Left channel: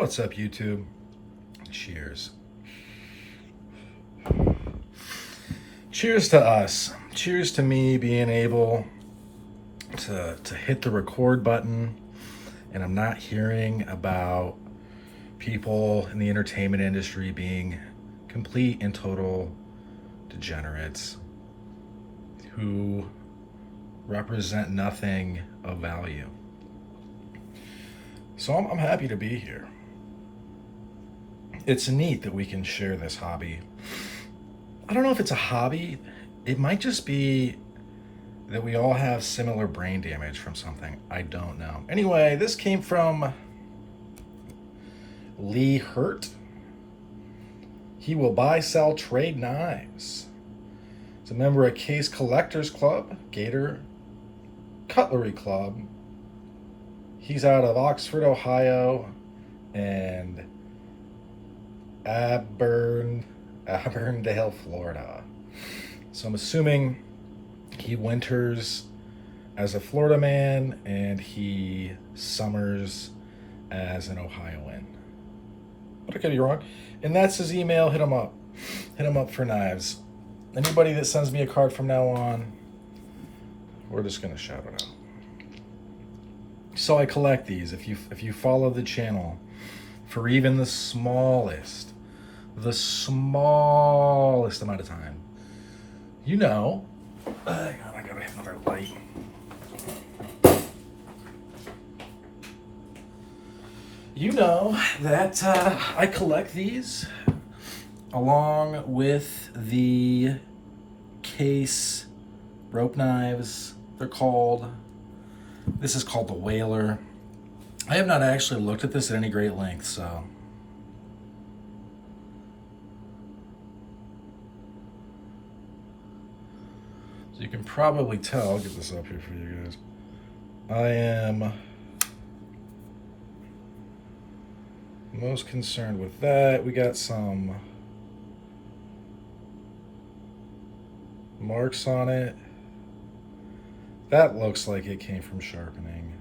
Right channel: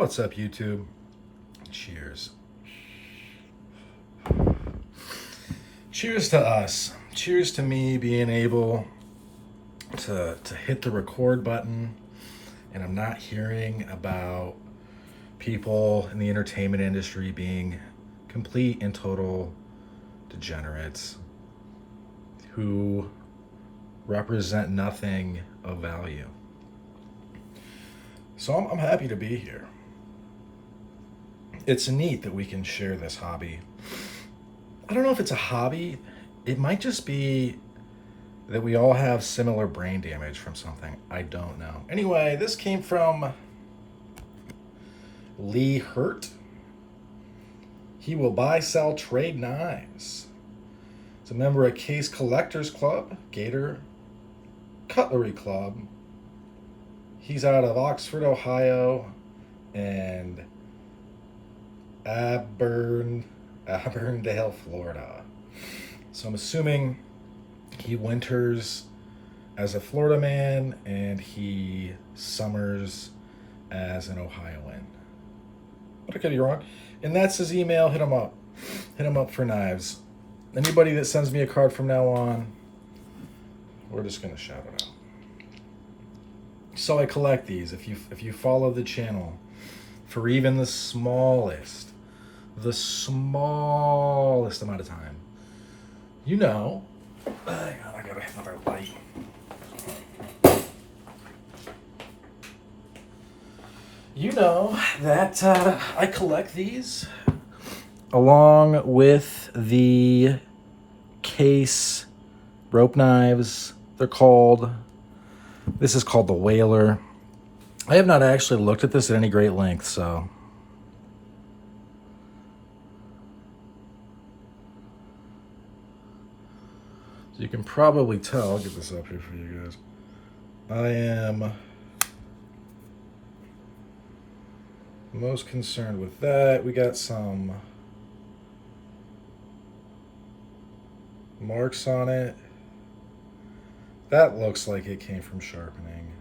What's up, YouTube? Cheers. Cheers to us. Cheers to me being able to hit the record button, and I'm not hearing about people in the entertainment industry being complete and total degenerates who represent nothing of value. So I'm happy to be here. It's neat that we can share this hobby. I don't know if it's a hobby. It might just be that we all have similar brain damage from something. I don't know. Anyway, this came from Lee Hurt. He will buy, sell, trade knives. He's a member of Case Collectors Club, Gator Cutlery Club. He's out of Oxford, Ohio, and Auburndale, Florida. So I'm assuming he winters as a Florida man and he summers as an Ohioan. But I could be wrong. And that's his email. Hit him up. Hit him up for knives. Anybody that sends me a card from now on, we're just gonna shout it out. So I collect these. If you follow the channel for even the smallest amount of time, you know, I gotta have another light. You know that I collect these along with the Case rope knives. They're called. This is called the Whaler. I have not actually looked at this at any great length, so. So you can probably tell, I'll get this up here for you guys. I am most concerned with that. We got some marks on it. That looks like it came from sharpening.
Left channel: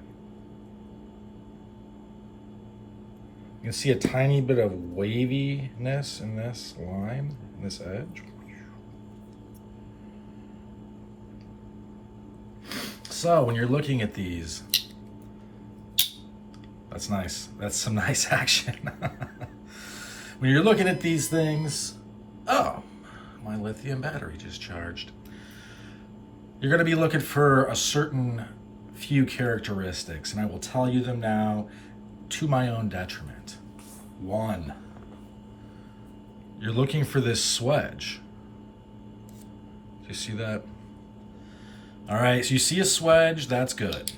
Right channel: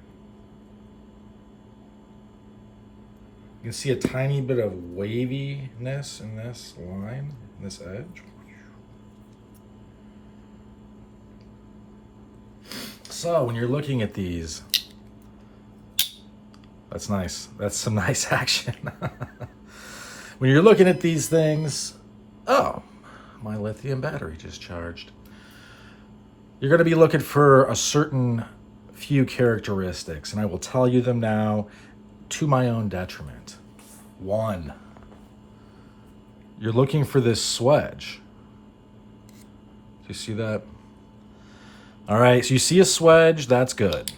You can see a tiny bit of waviness in this line, in this edge. So when you're looking at these, that's nice. That's some nice action. When you're looking at these things, oh, my lithium battery just charged. You're going to be looking for a certain few characteristics, and I will tell you them now to my own detriment. 1, you're looking for this swedge. Do you see that? All right, so you see a swedge, that's good.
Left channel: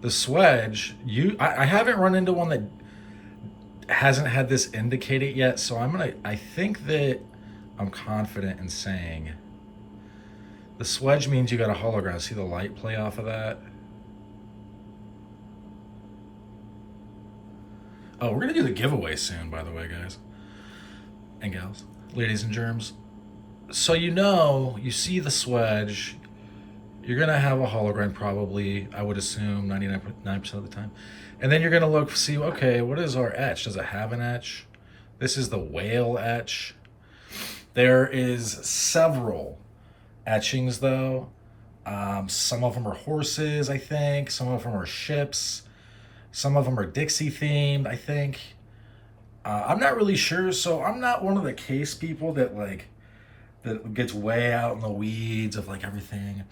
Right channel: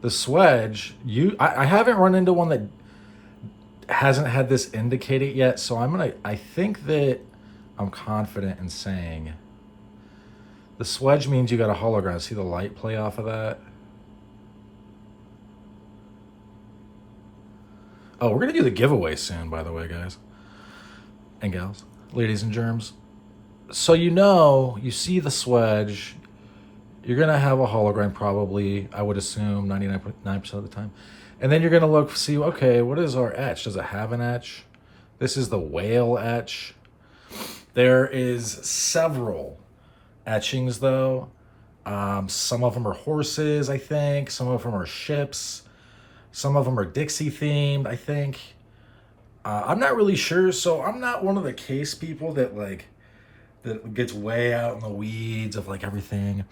The swedge, I haven't run into one that hasn't had this indicated yet, so I think that I'm confident in saying the swedge means you got a hologram. See the light play off of that? Oh, we're gonna do the giveaway soon, by the way, guys and gals, ladies and germs. So you see the swedge, you're gonna have a hologram probably, I would assume 99% of the time. And then you're gonna look, see, okay, what is our etch? Does it have an etch? This is the whale etch. There is several etchings though. Some of them are horses, I think. Some of them are ships. Some of them are Dixie themed, I think. I'm not really sure, so I'm not one of the Case people that gets way out in the weeds of everything.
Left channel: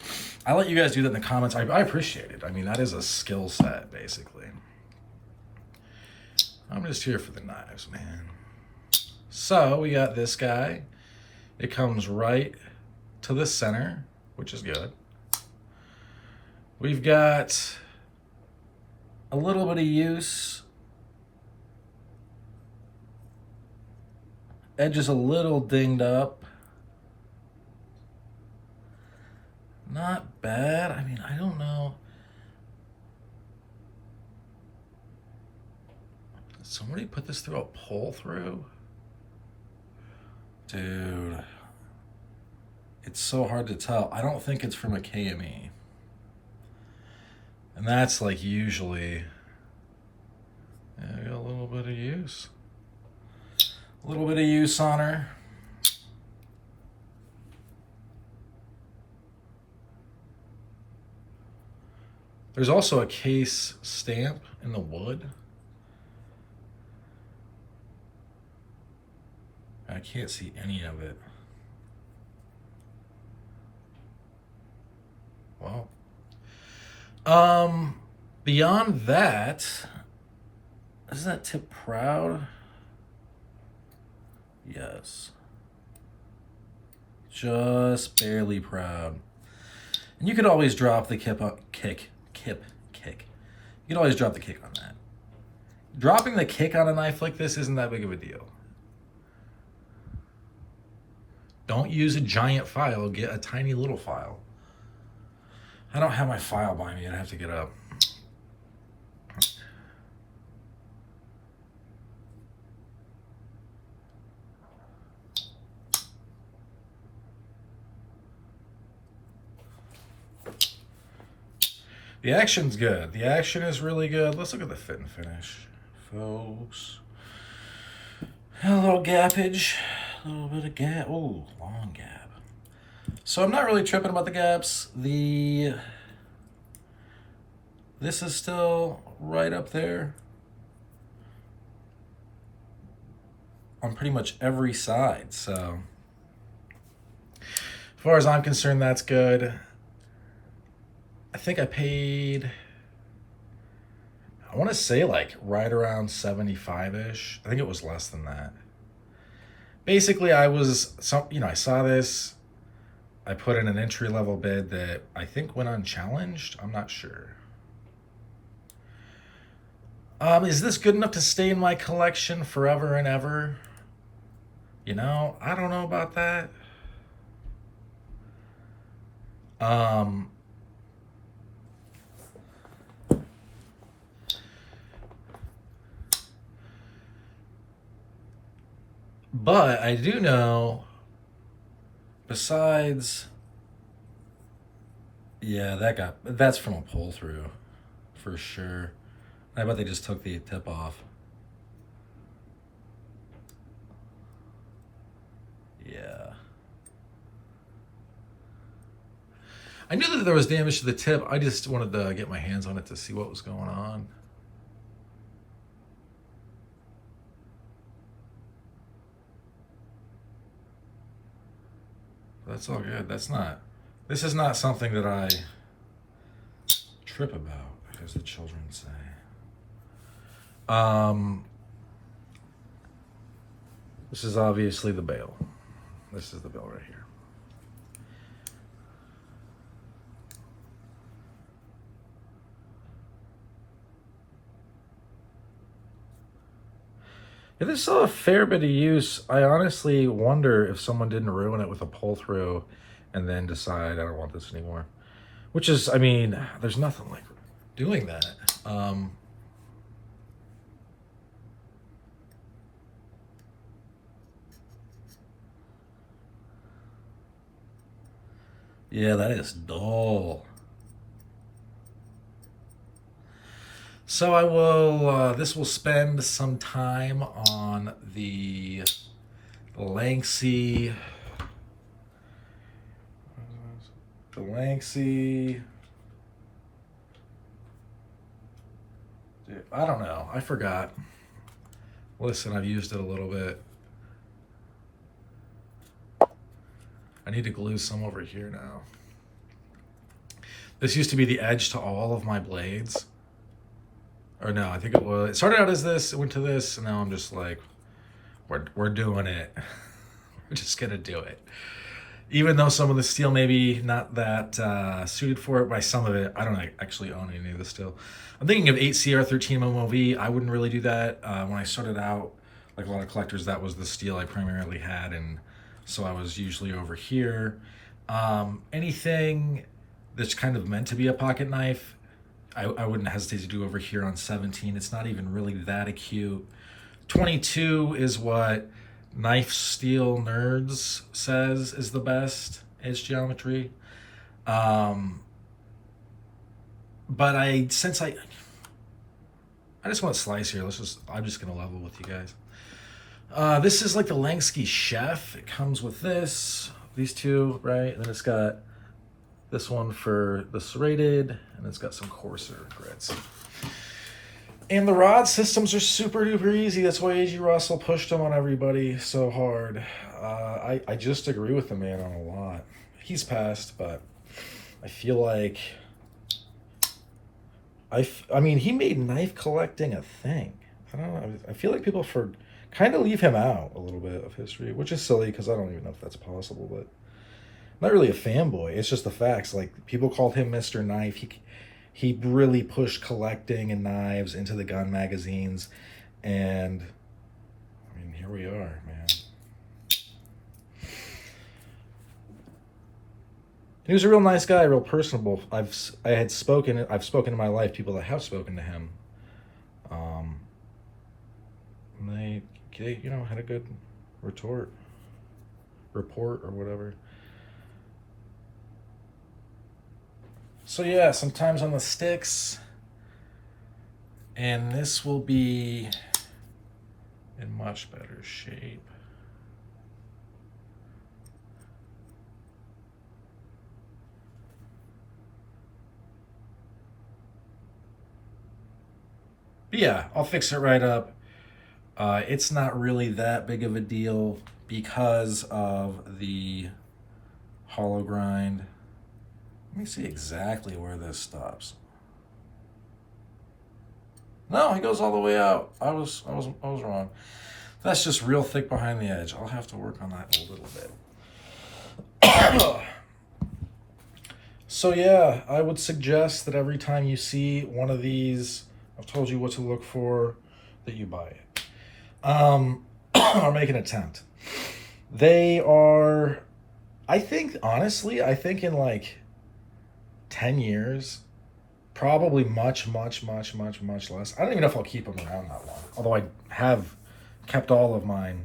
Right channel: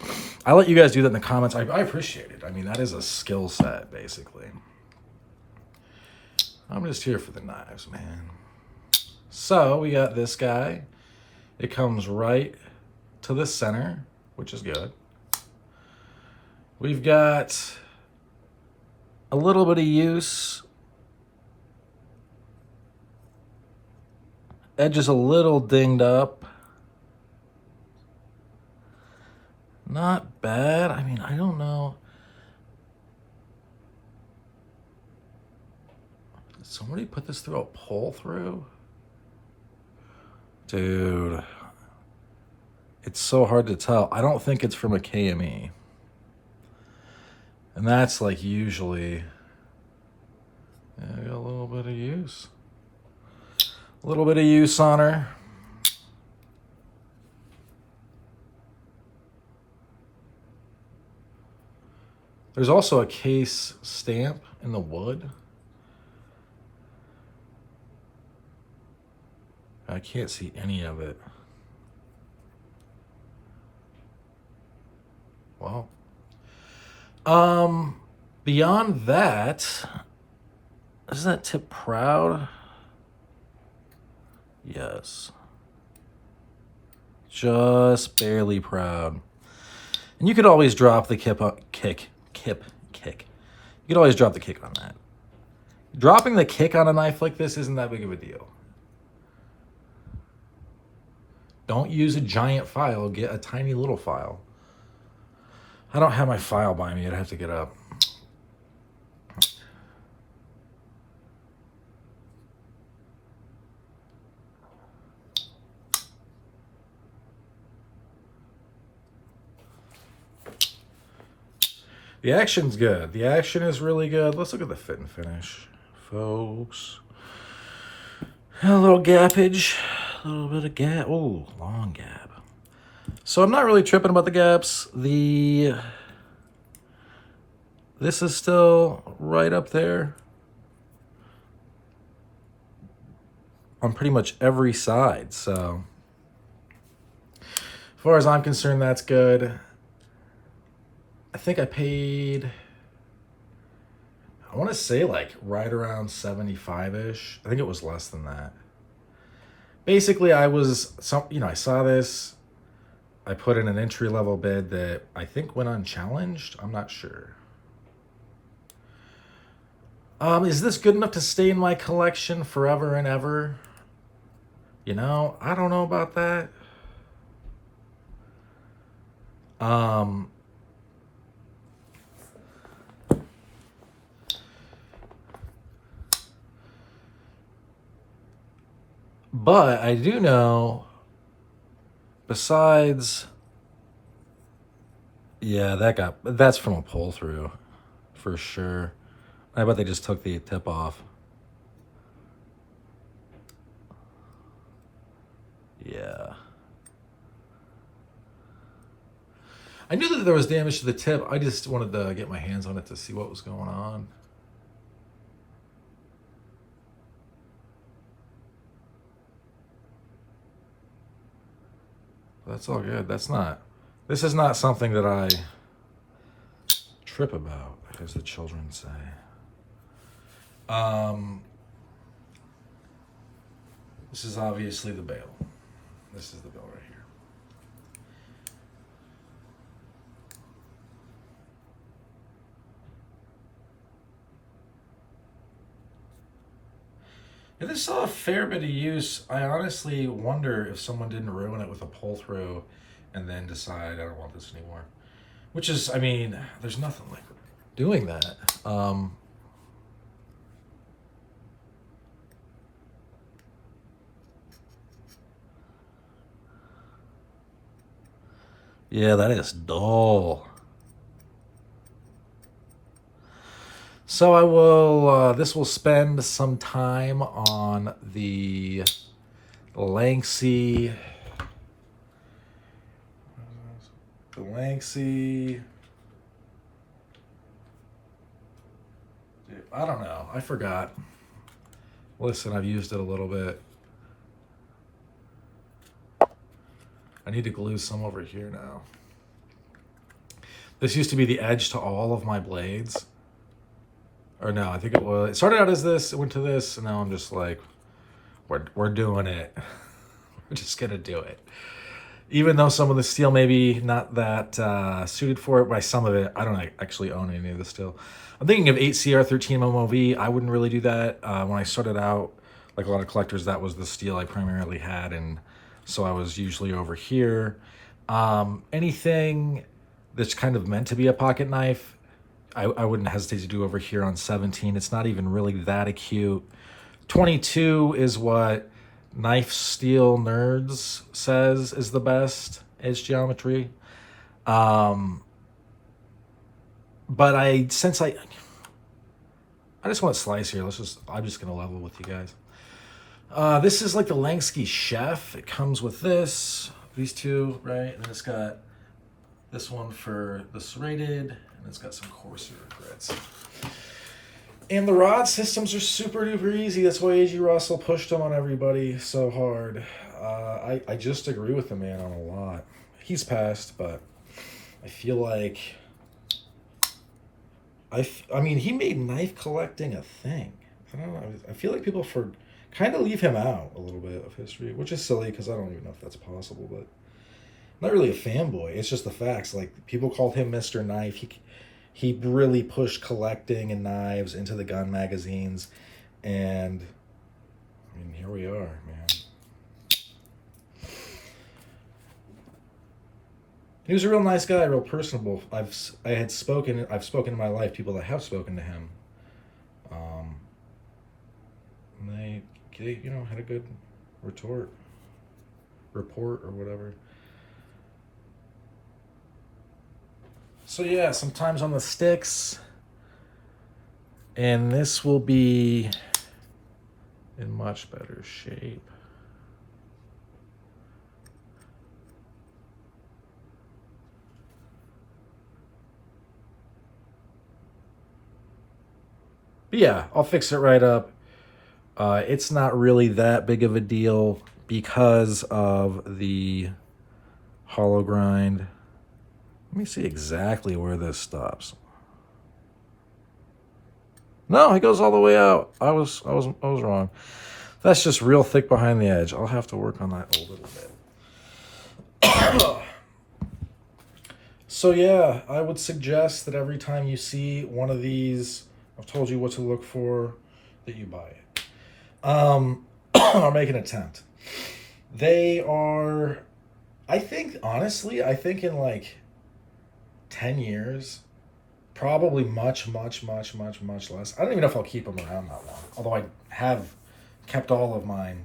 I let you guys do that in the comments. I appreciate it. I mean, that is a skill set, basically. I'm just here for the knives, man. So we got this guy. It comes right to the center, which is good. We've got a little bit of use. Edge is a little dinged up. Not bad. I mean, I don't know. Did somebody put this through a pull through? Dude, it's so hard to tell. I don't think it's from a KME. And that's like usually, yeah, got a little bit of use. A little bit of use on her. There's also a case stamp in the wood. I can't see any of it. Well, beyond that, is that tip proud? Yes. Just barely proud. And you could always drop the kick. You could always drop the kick on that. Dropping the kick on a knife like this isn't that big of a deal. Don't use a giant file, get a tiny little file. I don't have my file by me, I'd have to get up. The action's good. The action is really good. Let's look at the fit and finish, folks. A little gappage, a little bit of gap. Oh, long gap. So I'm not really tripping about the gaps. This is still right up there on pretty much every side. So as far as I'm concerned, that's good. I think I paid, I want to say like right around 75-ish. I think it was less than that. Basically, I saw this. I put in an entry-level bid that I think went unchallenged. I'm not sure. Is this good enough to stay in my collection forever and ever? You know, I don't know about that. But I do know, besides, yeah, that's from a pull through, for sure. I bet they just took the tip off. Yeah. I knew that there was damage to the tip. I just wanted to get my hands on it to see what was going on. That's all good. This is not something that I trip about, as the children say. This is obviously the bail. This is the bail right here. Yeah, there's still a fair bit of use. I honestly wonder if someone didn't ruin it with a pull through and then decide, I don't want this anymore. Which is, I mean, there's nothing like doing that. Yeah, that is dull. So I will, this will spend some time on the Lanxey, I don't know, I forgot. Listen, I've used it a little bit. I need to glue some over here now. This used to be the edge to all of my blades. Or no, I think it started out as this, it went to this, and now I'm just like, we're doing it. We're just gonna do it. Even though some of the steel maybe not that suited for it, by some of it, I don't actually own any of the steel. I'm thinking of 8CR13 MOV. I wouldn't really do that. When I started out, like a lot of collectors, that was the steel I primarily had, and so I was usually over here. Anything that's kind of meant to be a pocket knife, I wouldn't hesitate to do over here on 17. It's not even really that acute. 22 is what Knife Steel Nerds says is the best edge geometry. But but I just want to slice here. I'm just gonna level with you guys. This is like the Langsky Chef. It comes with these two, right? And then it's got this one for the serrated, and it's got some coarser grits. And the rod systems are super duper easy. That's why A.G. Russell pushed them on everybody so hard. I just agree with the man on a lot. He's passed, but I feel like I mean, he made knife collecting a thing. I don't know. I feel like people kind of leave him out a little bit of history, which is silly because I don't even know if that's possible. But I'm not really a fanboy. It's just the facts. Like, people called him Mr. Knife. He really pushed collecting and knives into the gun magazines, and I mean, here we are, man. He was a real nice guy, real personable. I've spoken in my life people that have spoken to him. And they had a good report or whatever. So yeah, sometimes on the sticks, and this will be in much better shape. But yeah, I'll fix it right up. It's not really that big of a deal because of the hollow grind. Let me see exactly where this stops. No, it goes all the way out. I was wrong. That's just real thick behind the edge. I'll have to work on that a little bit. So yeah, I would suggest that every time you see one of these, I've told you what to look for, that you buy it. Or make an attempt. They are, I think in like 10 years, probably much less. I don't even know if I'll keep them around that long. Although I have kept all of mine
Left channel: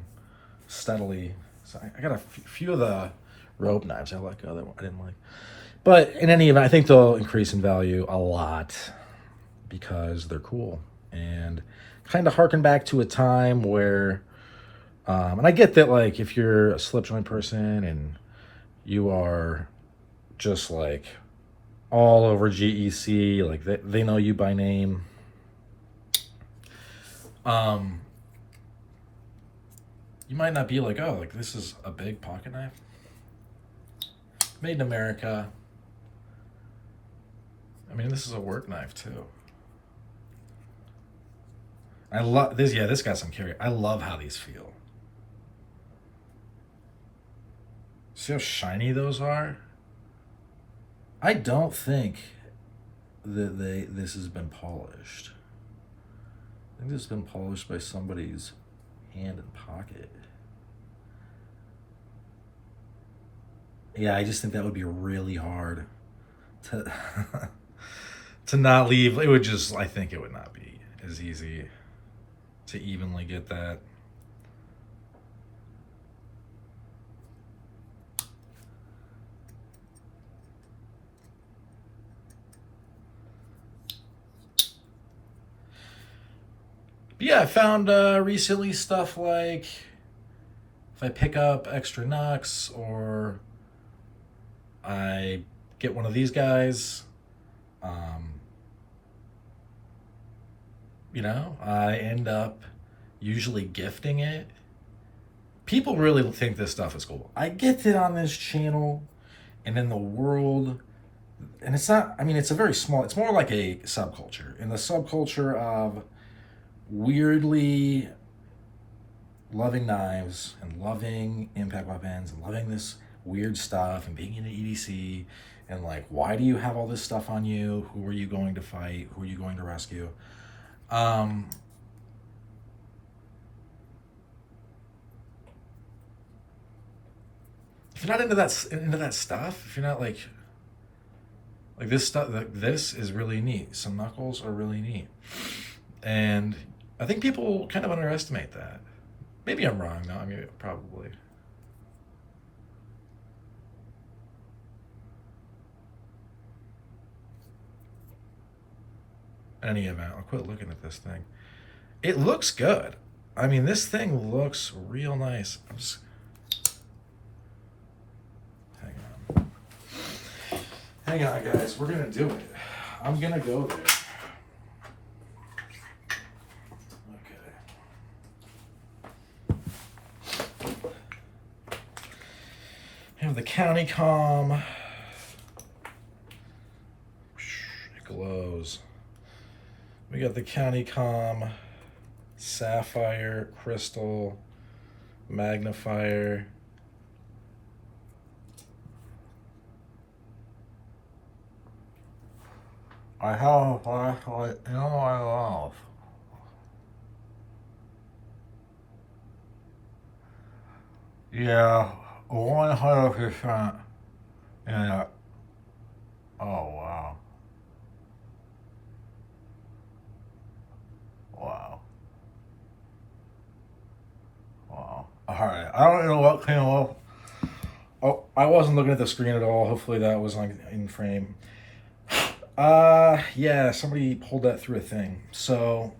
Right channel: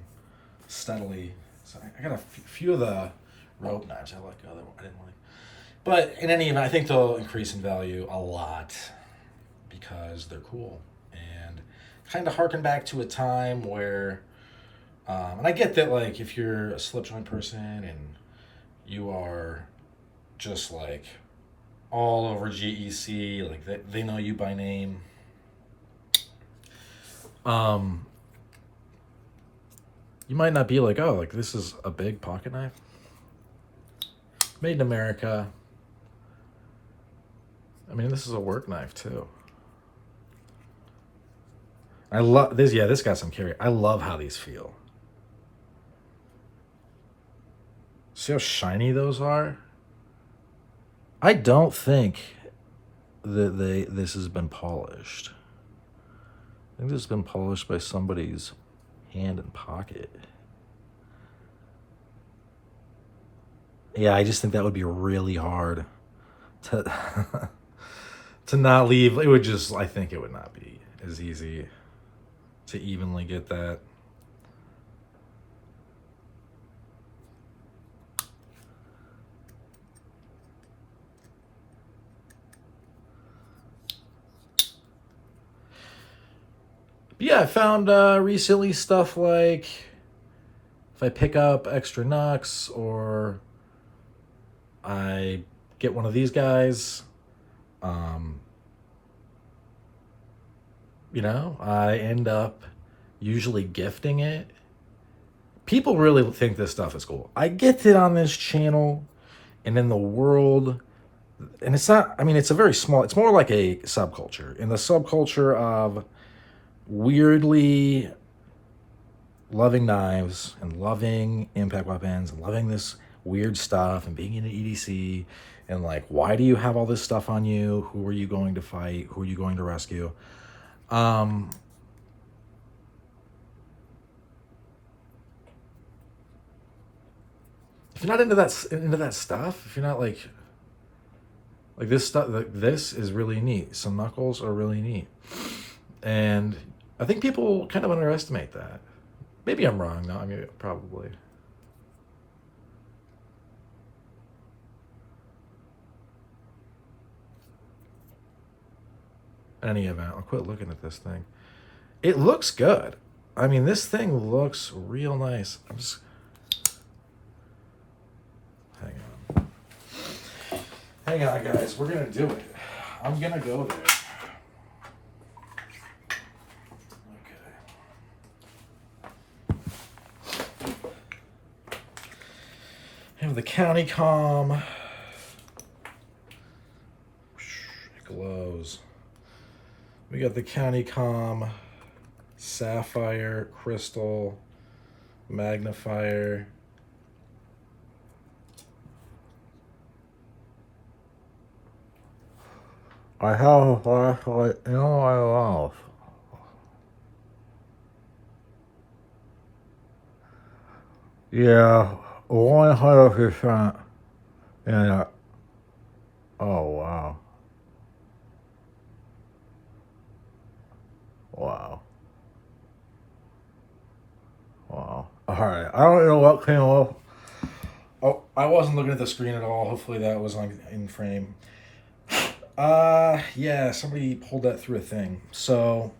steadily. So I got a few of the rope knives I like. I didn't like. But in any event, I think they'll increase in value a lot because they're cool and kind of harken back to a time where, and I get that, like, if you're a slip joint person and you are just like all over GEC, like they know you by name. You might not be like, oh, like this is a big pocket knife. Made in America. I mean, this is a work knife too. I love this. Yeah, this got some carry. I love how these feel. See how shiny those are? I don't think that this has been polished. I think this has been polished by somebody's hand and pocket. Yeah, I just think that would be really hard to to not leave. It would just, I think it would not be as easy to evenly get that. But yeah, I found recently stuff like if I pick up extra knucks or I get one of these guys, I end up usually gifting it. People really think this stuff is cool. I get it on this channel and in the world, and it's not, I mean, it's it's more like a subculture. In the subculture of weirdly loving knives and loving impact weapons and loving this weird stuff and being in an EDC and like, why do you have all this stuff on you? Who are you going to fight? Who are you going to rescue? If you're not into that stuff, if you're not like this stuff, like this is really neat. Some knuckles are really neat, and I think people kind of underestimate that. Maybe I'm wrong. No, I mean, probably. any event, I'll quit looking at this thing. It looks good. I mean, this thing looks real nice. I'm just... Hang on, guys. We're going to do it. I'm going to go there. Okay. I have the county comm. It glows. We got the county comm, sapphire, crystal, magnifier. I have a flashlight in my mouth. Yeah, 100% in it. Oh, wow. Wow. Wow. All right. I don't know what came up. Oh, I wasn't looking at the screen at all. Hopefully that was in frame. Yeah, somebody pulled that through a thing. So,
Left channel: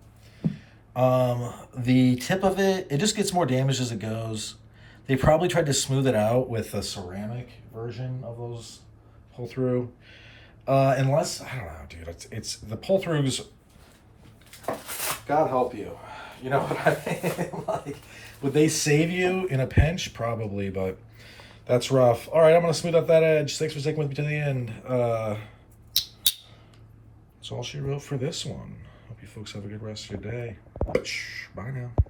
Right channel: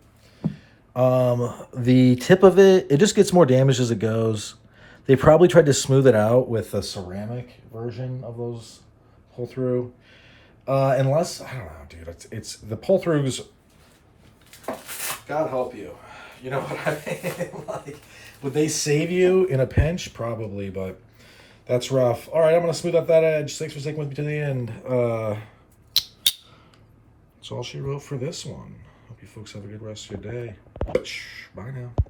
the tip of it just gets more damaged as it goes. They probably tried to smooth it out with a ceramic version of those pull through. Unless, I don't know, dude, it's the pull throughs. God help you. You know what I mean? Like, would they save you in a pinch? Probably, but that's rough. All right, I'm going to smooth out that edge. Thanks for sticking with me to the end. That's all she wrote for this one. Hope you folks have a good rest of your day. Bye now.